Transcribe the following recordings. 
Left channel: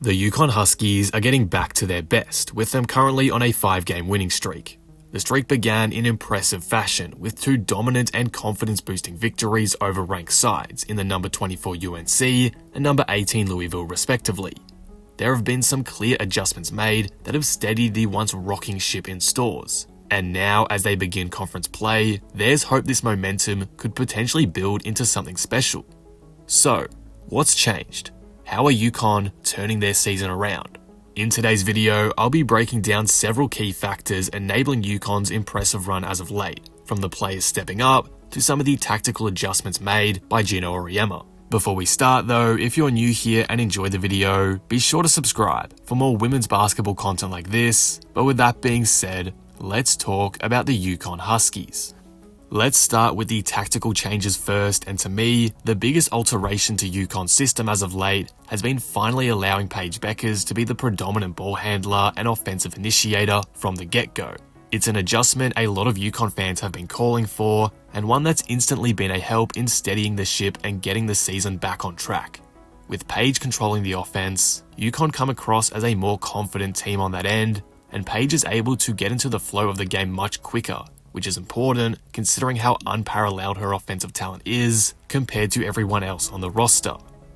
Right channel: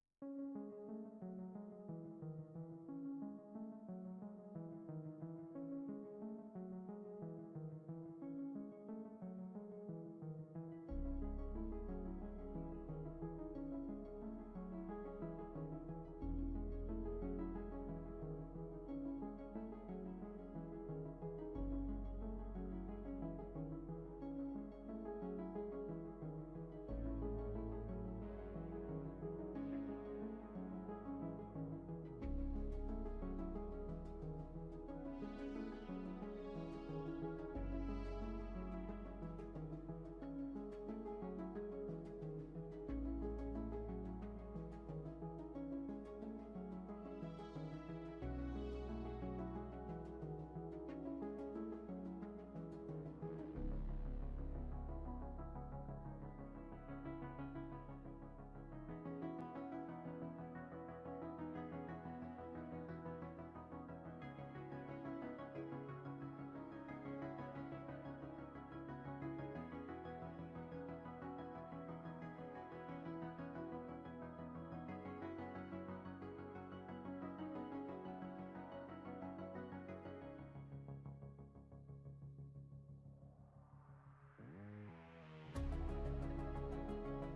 The Yukon Huskies are getting back to their best, with them currently on a 5-game winning streak. The streak began in impressive fashion, with 2 dominant and confidence-boosting victories over ranked sides in the number 24 UNC and number 18 Louisville respectively. There have been some clear adjustments made that have steadied the once rocking ship in stores. And now, as they begin conference play, there's hope this momentum could potentially build into something special. So, what's changed? How are Yukon turning their season around? In today's video, I'll be breaking down several key factors enabling Yukon's impressive run as of late, from the players stepping up to some of the tactical adjustments made by Gino Auriemma. Before we start though, if you're new here and enjoy the video, be sure to subscribe for more women's basketball content like this. But with that being said, let's talk about the Yukon Huskies. Let's start with the tactical changes first, and to me, the biggest alteration to Yukon's system as of late has been finally allowing Paige Bueckers to be the predominant ball handler and offensive initiator from the get-go. It's an adjustment a lot of Yukon fans have been calling for, and one that's instantly been a help in steadying the ship and getting the season back on track. With Paige controlling the offense, Yukon come across as a more confident team on that end, and Paige is able to get into the flow of the game much quicker, which is important considering how unparalleled her offensive talent is compared to everyone else on the roster.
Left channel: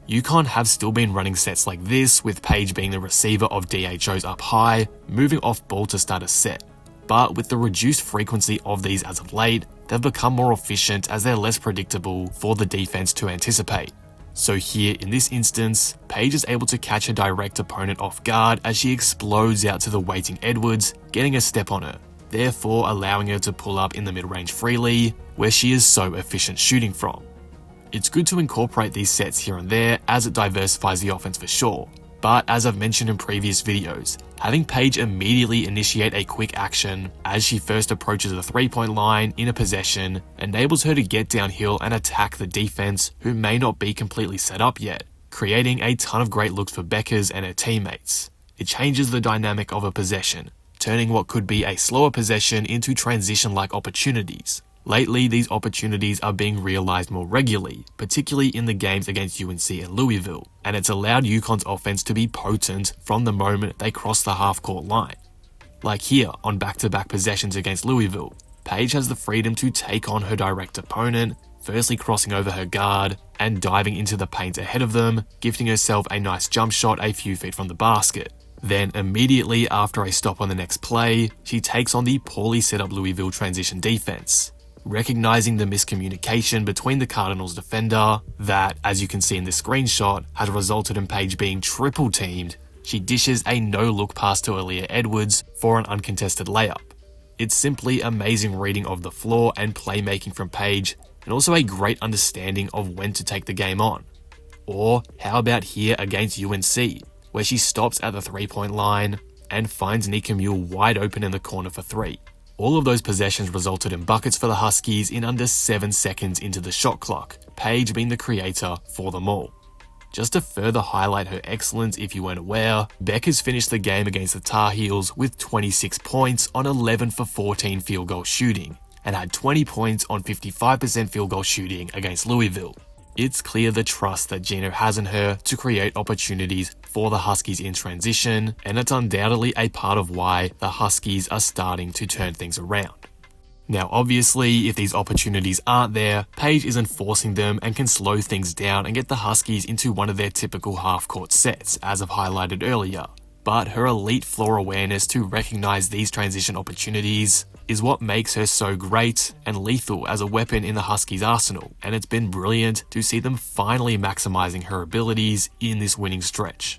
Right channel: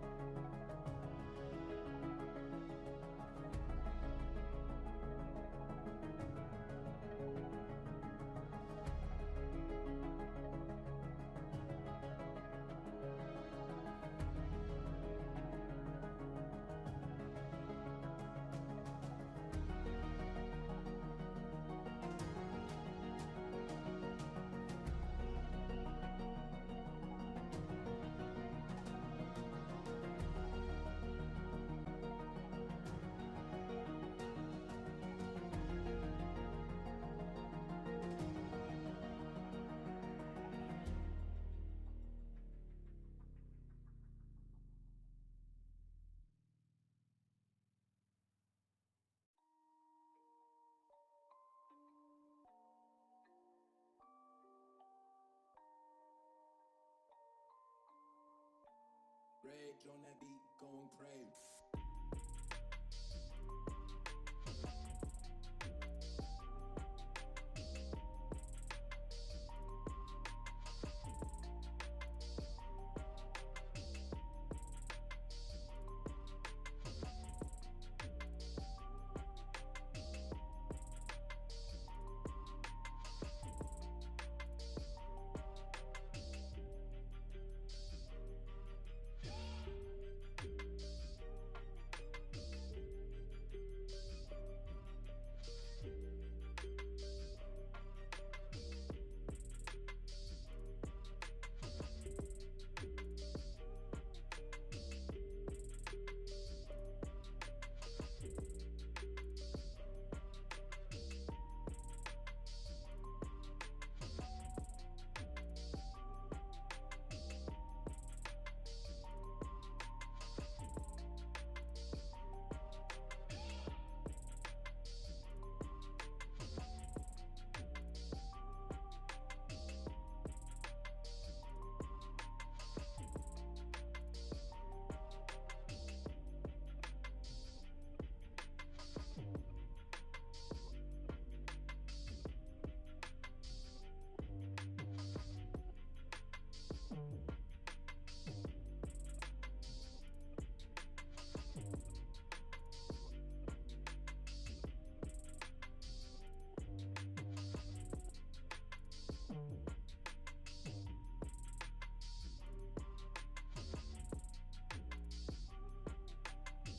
Yukon have still been running sets like this, with Paige being the receiver of DHOs up high, moving off ball to start a set. But with the reduced frequency of these as of late, they've become more efficient as they're less predictable for the defense to anticipate. So here in this instance, Paige is able to catch a direct opponent off guard as she explodes out to the waiting Edwards, getting a step on her, therefore allowing her to pull up in the mid-range freely, where she is so efficient shooting from. It's good to incorporate these sets here and there as it diversifies the offense for sure, but as I've mentioned in previous videos, having Paige immediately initiate a quick action as she first approaches the 3-point line in a possession enables her to get downhill and attack the defense who may not be completely set up yet, creating a ton of great looks for Bueckers and her teammates. It changes the dynamic of a possession, turning what could be a slower possession into transition-like opportunities. Lately, these opportunities are being realized more regularly, particularly in the games against UNC and Louisville, and it's allowed Yukon's offense to be potent from the moment they cross the half-court line. Like here, on back-to-back possessions against Louisville, Paige has the freedom to take on her direct opponent, firstly crossing over her guard and diving into the paint ahead of them, gifting herself a nice jump shot a few feet from the basket. Then immediately after a stop on the next play, she takes on the poorly set up Louisville transition defense. Recognizing the miscommunication between the Cardinals defender that, as you can see in this screenshot, had resulted in Paige being triple teamed, she dishes a no-look pass to Aaliyah Edwards for an uncontested layup. It's simply amazing reading of the floor and playmaking from Paige, and also a great understanding of when to take the game on. Or how about here against UNC, where she stops at the 3-point line and finds Nika Mule wide open in the corner for 3. All of those possessions resulted in buckets for the Huskies in under 7 seconds into the shot clock, Paige being the creator for them all. Just to further highlight her excellence if you weren't aware, Bueckers finished the game against the Tar Heels with 26 points on 11 for 14 field goal shooting, and had 20 points on 55% field goal shooting against Louisville. It's clear the trust that Gino has in her to create opportunities for the Huskies in transition, and it's undoubtedly a part of why the Huskies are starting to turn things around. Now obviously, if these opportunities aren't there, Paige is enforcing them and can slow things down and get the Huskies into one of their typical half-court sets, as I've highlighted earlier. But her elite floor awareness to recognize these transition opportunities is what makes her so great and lethal as a weapon in the Huskies' arsenal, and it's been brilliant to see them finally maximizing her abilities in this winning stretch.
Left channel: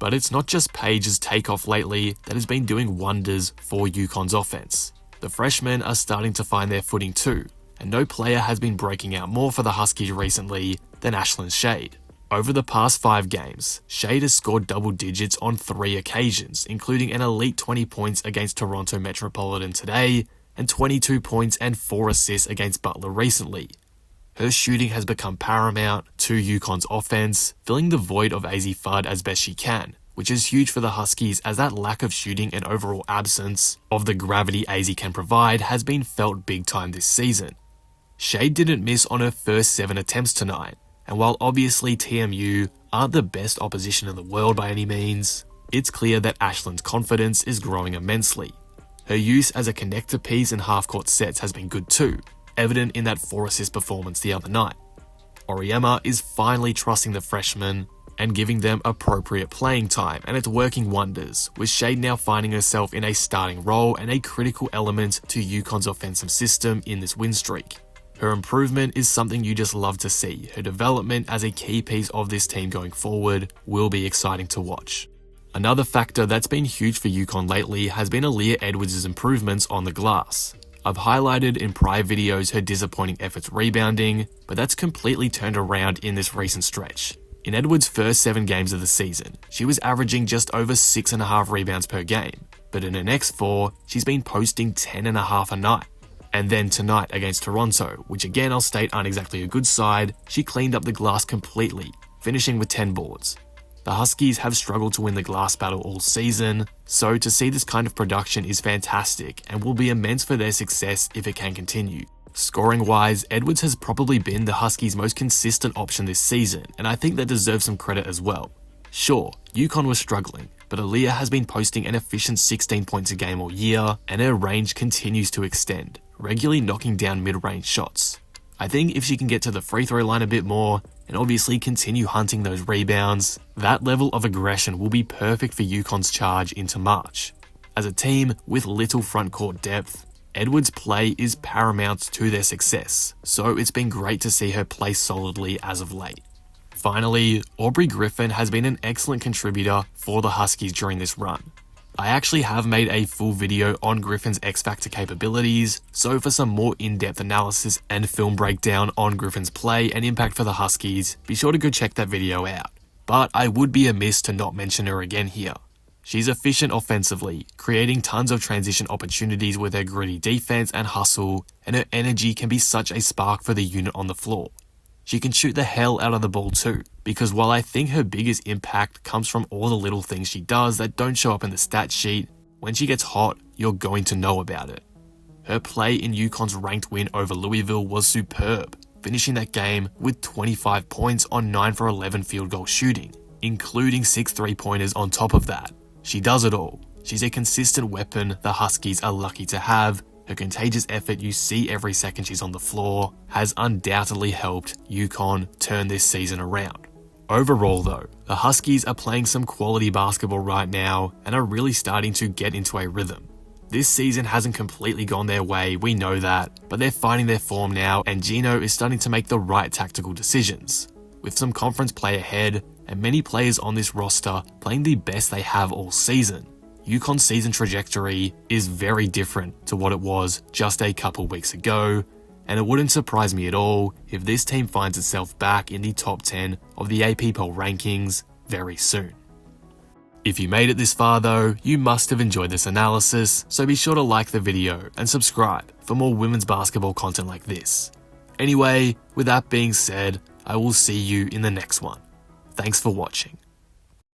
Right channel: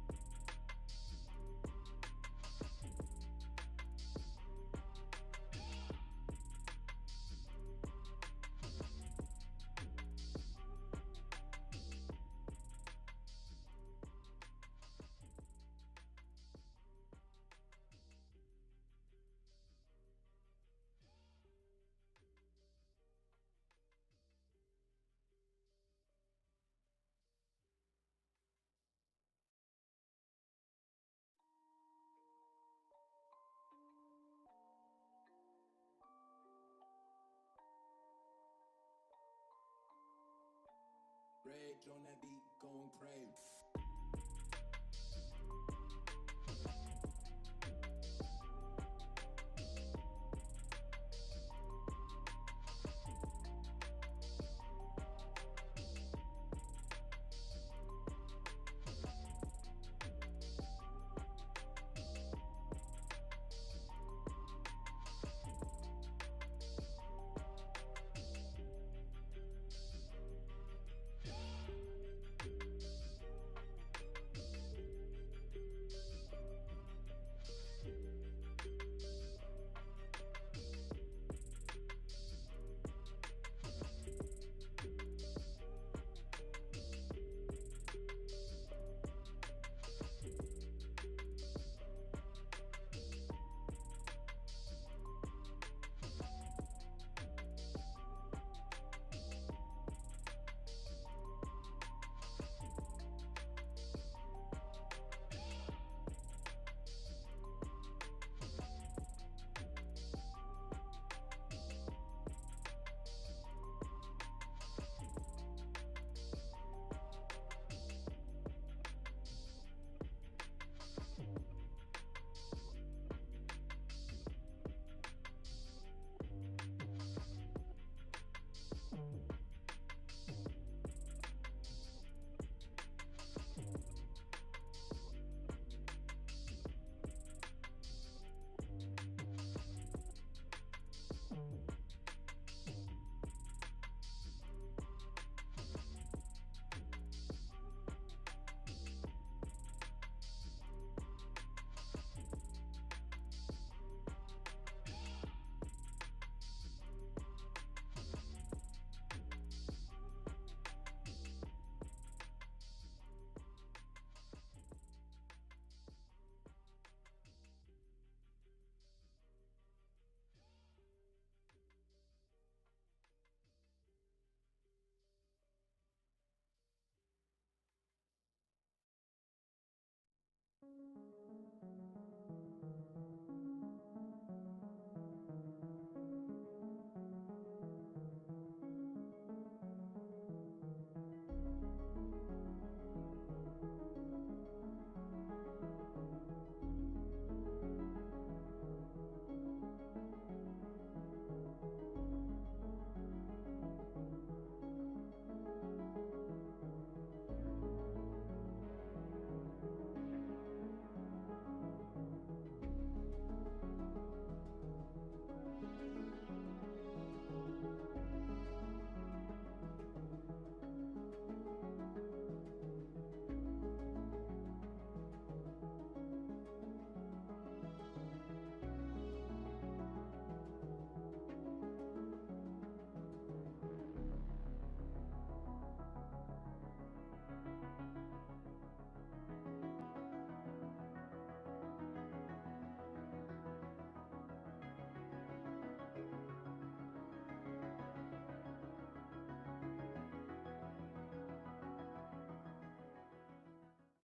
But it's not just Paige's takeoff lately that has been doing wonders for Yukon's offense. The freshmen are starting to find their footing too, and no player has been breaking out more for the Huskies recently than Ashlyn Shade. Over the past 5 games, Shade has scored double digits on 3 occasions, including an elite 20 points against Toronto Metropolitan today, and 22 points and 4 assists against Butler recently. Her shooting has become paramount to Yukon's offense, filling the void of Azzi Fudd as best she can, which is huge for the Huskies as that lack of shooting and overall absence of the gravity Azzi can provide has been felt big time this season. Shade didn't miss on her first 7 attempts tonight, and while obviously TMU aren't the best opposition in the world by any means, it's clear that Ashland's confidence is growing immensely. Her use as a connector piece in half-court sets has been good too, evident in that 4-assist performance the other night. Auriemma is finally trusting the freshman and giving them appropriate playing time, and it's working wonders, with Shade now finding herself in a starting role and a critical element to UConn's offensive system in this win streak. Her improvement is something you just love to see. Her development as a key piece of this team going forward will be exciting to watch. Another factor that's been huge for UConn lately has been Aaliyah Edwards' improvements on the glass. I've highlighted in prior videos her disappointing efforts rebounding, but that's completely turned around in this recent stretch. In Edwards' first 7 games of the season, she was averaging just over 6.5 rebounds per game, but in her next 4, she's been posting 10.5 a night. And then tonight against Toronto, which again I'll state aren't exactly a good side, she cleaned up the glass completely, finishing with 10 boards. The Huskies have struggled to win the glass battle all season, so to see this kind of production is fantastic and will be immense for their success if it can continue. Scoring-wise, Edwards has probably been the Huskies' most consistent option this season, and I think that deserves some credit as well. Sure, UConn was struggling, but Aaliyah has been posting an efficient 16 points a game all year, and her range continues to extend, regularly knocking down mid-range shots. I think if she can get to the free throw line a bit more, and obviously continue hunting those rebounds, that level of aggression will be perfect for UConn's charge into March. As a team with little front court depth, Edwards' play is paramount to their success, so it's been great to see her play solidly as of late. Finally, Aubrey Griffin has been an excellent contributor for the Huskies during this run. I actually have made a full video on Griffin's X-Factor capabilities, so for some more in-depth analysis and film breakdown on Griffin's play and impact for the Huskies, be sure to go check that video out. But I would be amiss to not mention her again here. She's efficient offensively, creating tons of transition opportunities with her gritty defense and hustle, and her energy can be such a spark for the unit on the floor. She can shoot the hell out of the ball too, because while I think her biggest impact comes from all the little things she does that don't show up in the stat sheet, when she gets hot, you're going to know about it. Her play in UConn's ranked win over Louisville was superb, finishing that game with 25 points on 9 for 11 field goal shooting, including 6 3-pointers on top of that. She does it all. She's a consistent weapon the Huskies are lucky to have. Her contagious effort you see every second she's on the floor has undoubtedly helped UConn turn this season around. Overall though, the Huskies are playing some quality basketball right now and are really starting to get into a rhythm. This season hasn't completely gone their way, we know that, but they're finding their form now and Gino is starting to make the right tactical decisions. With some conference play ahead and many players on this roster playing the best they have all season, UConn's season trajectory is very different to what it was just a couple weeks ago, and it wouldn't surprise me at all if this team finds itself back in the top 10 of the AP poll rankings very soon. If you made it this far though, you must have enjoyed this analysis, so be sure to like the video and subscribe for more women's basketball content like this. Anyway, with that being said, I will see you in the next one. Thanks for watching.